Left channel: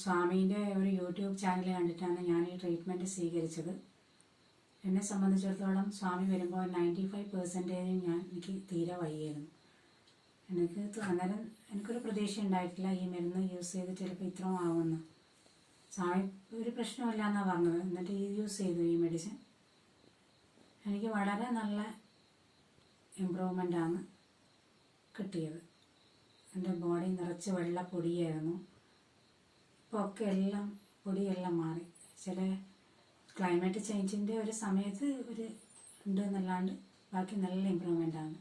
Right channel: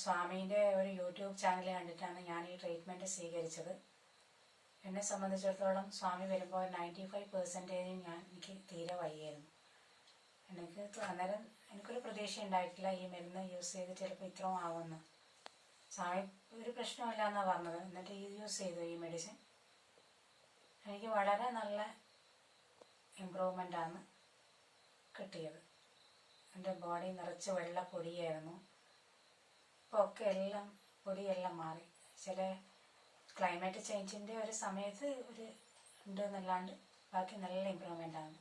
സ്വാമീൻ്റെ ഒരു YouTube channel കണ്ടിട്ടാണ് ഞാൻ ഈ ട്രീറ്റ്മെൻറ്റ് സ്വീകരിച്ചത്. എന്നെ സംബന്ധിച്ചിടത്തോളം സ്വാമി വരുമ്പോൾ 95% എനിക്ക് തീരെ വയ്യായിരുന്നു. അന്നേരം എനിക്കൊരു പ്രതീക്ഷ ഉണ്ടായിട്ടില്ല ഈ മരുന്ന് യൂസ് ചെയ്ത് ചിലപ്പോൾ ഇത്രയും ആവുമെന്ന്. സ്വാമി ഒരു പ്രശ്നമില്ല എന്നാണ് പറഞ്ഞത്. എന്നിട്ട് യൂസ് ചെയ്തു ഈ മെഡിസിൻ. എനിക്ക് വളരെ നല്ല ഇമ്പ്രൂവ്മെൻ്റാണ് കിട്ടിയത്. എൻ്റെ ബോഡി നിറച്ച് വെള്ള പൊടിയായിരുന്നു. ഇപ്പോൾ ഒക്കെ എല്ലാം പൊടിയെല്ലാം മാറി. ചില ക്ലൈമറ്റ് ചേഞ്ചിൻ്റെ ഒരു സമയത്ത് ഒരു ഉണ്ട് എന്നല്ലാണ്ട് ബാക്കി നല്ല ഇമ്പ്രൂവ്മെൻ്റാണ്.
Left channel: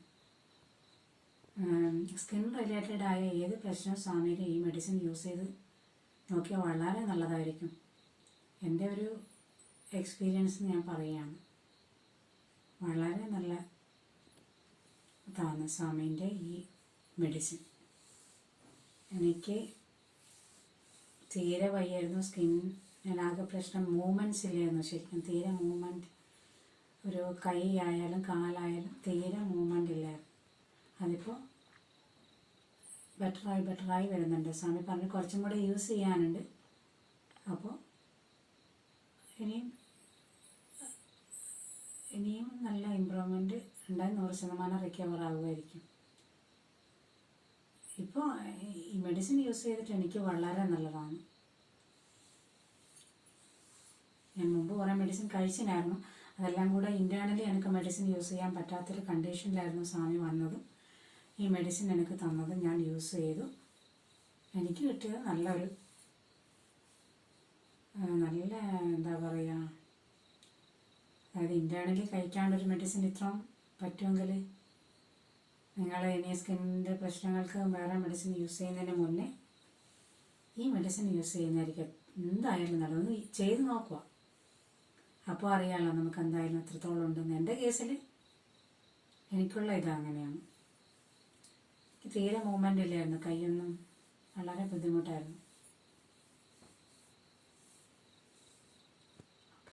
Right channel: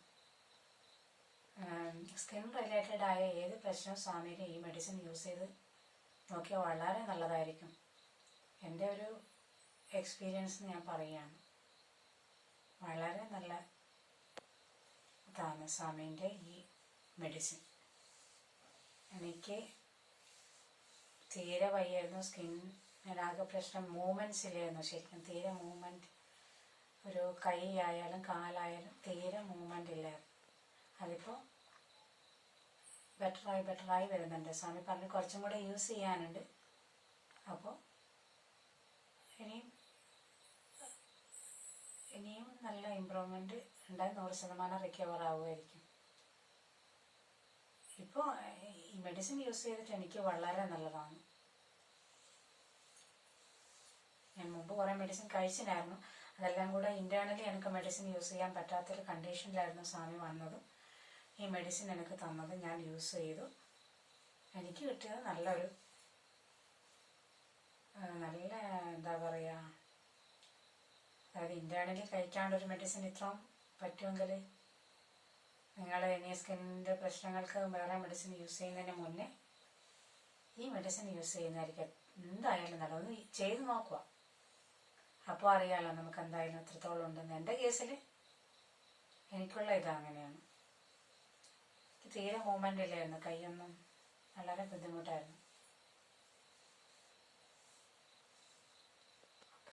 സ്കിൻ റിലേറ്റഡ് ആയ ഏത് പ്രശ്നവും സ്വാമിയുടെ ഈ മെഡിസിൻ യൂസ് ചെയ്ത് നോക്കിയാൽ വളരെ നല്ലതായിരിക്കും. എൻ്റെ ഒരു എക്സ്പീരിയൻസ് ഞാൻ പറയുകയാണ്. വളരെ നല്ല ഇതാണ് സ്വാമീൻ്റെ ഈ മെഡിസിൻ. എനിക്ക് തീരെ വയ്യായിരുന്നു. സ്കിന്നിനാകെ പ്രശ്നം, മൂവ്മെൻറ്റ്സ് ഇല്ലായിരുന്നു. ശരിക്കും തീരെ മൂവ്മെൻറ്റ്, ഒരു കൈ ആയാലും കാലായാലും തീരെ മൂവ്മെൻ്റ് ഇല്ലായിരുന്നു. അതിപ്പോൾ ബെറ്ററായി വരുന്നുണ്ട്. സ്വാമി പറഞ്ഞ് കുറച്ചും കൂടെ യൂസ് ചെയ്യാനുണ്ട്. അപ്പോൾ ഇനിയും നല്ല ഇമ്പ്രൂവ്മെൻറ്റ് ഉണ്ടായി 100% റിക്കവർ ആവുമായിരിക്കും. ഇപ്പോൾ ഈ മെഡിസിൻ യൂസ് ചെയ്തിട്ട് എനിക്ക് വളരെ നല്ലതാണ്. ഞാൻ മുമ്പ് കുറേ മെഡിസിൻ കഴിച്ചിട്ടുണ്ടായിരുന്നു. അതെല്ലാം കൂടെ ഇൻറ്റേർണലി എനിക്ക് മെഡിസിൻ യൂസ് ചെയ്യാൻ പറ്റാത്തൊരു കണ്ടീഷനിലായിരുന്നു സ്വാമി വന്നതും ഈ മെഡിസിൻ എനിക്ക് തന്നത്. ഞാൻ യൂസ് ചെയ്തു. എനിക്ക് കിട്ടിയത് നല്ലൊരു നല്ല എന്താ പറയുക, അതായത് ഇൻറ്റേർണലി കഴിക്കാണ്ടൊരു മെഡിസിൻ ഇത്രയും പറ്റുമെങ്കിൽ നിങ്ങൾ ഇനി സ്കിന്നിൻ്റെ പ്രശ്നങ്ങൾക്ക് വേറെ മെഡിസിൻ യൂസ് ചെയ്യുന്നതിന് മുന്നേ ഈ മെഡിസിൻ യൂസ് ചെയ്യുന്നതായിരിക്കും എന്തായാലും നല്ലത്. ചെയ്ത് നോക്കുക, അപ്പോൾ അറിയാമല്ലോ നമുക്ക് എന്തായാലും എത്രത്തോളം ഉണ്ടെന്ന്. എൻ്റെ കേസിൽ എനിക്കുള്ള ഇത് അങ്ങനെയാണ്. തീരെ മൂവ്മെൻ്റ് ഇല്ലായിരുന്നു. കൈയൊന്നും വളരെ ബുദ്ധിമുട്ടായിരുന്നു.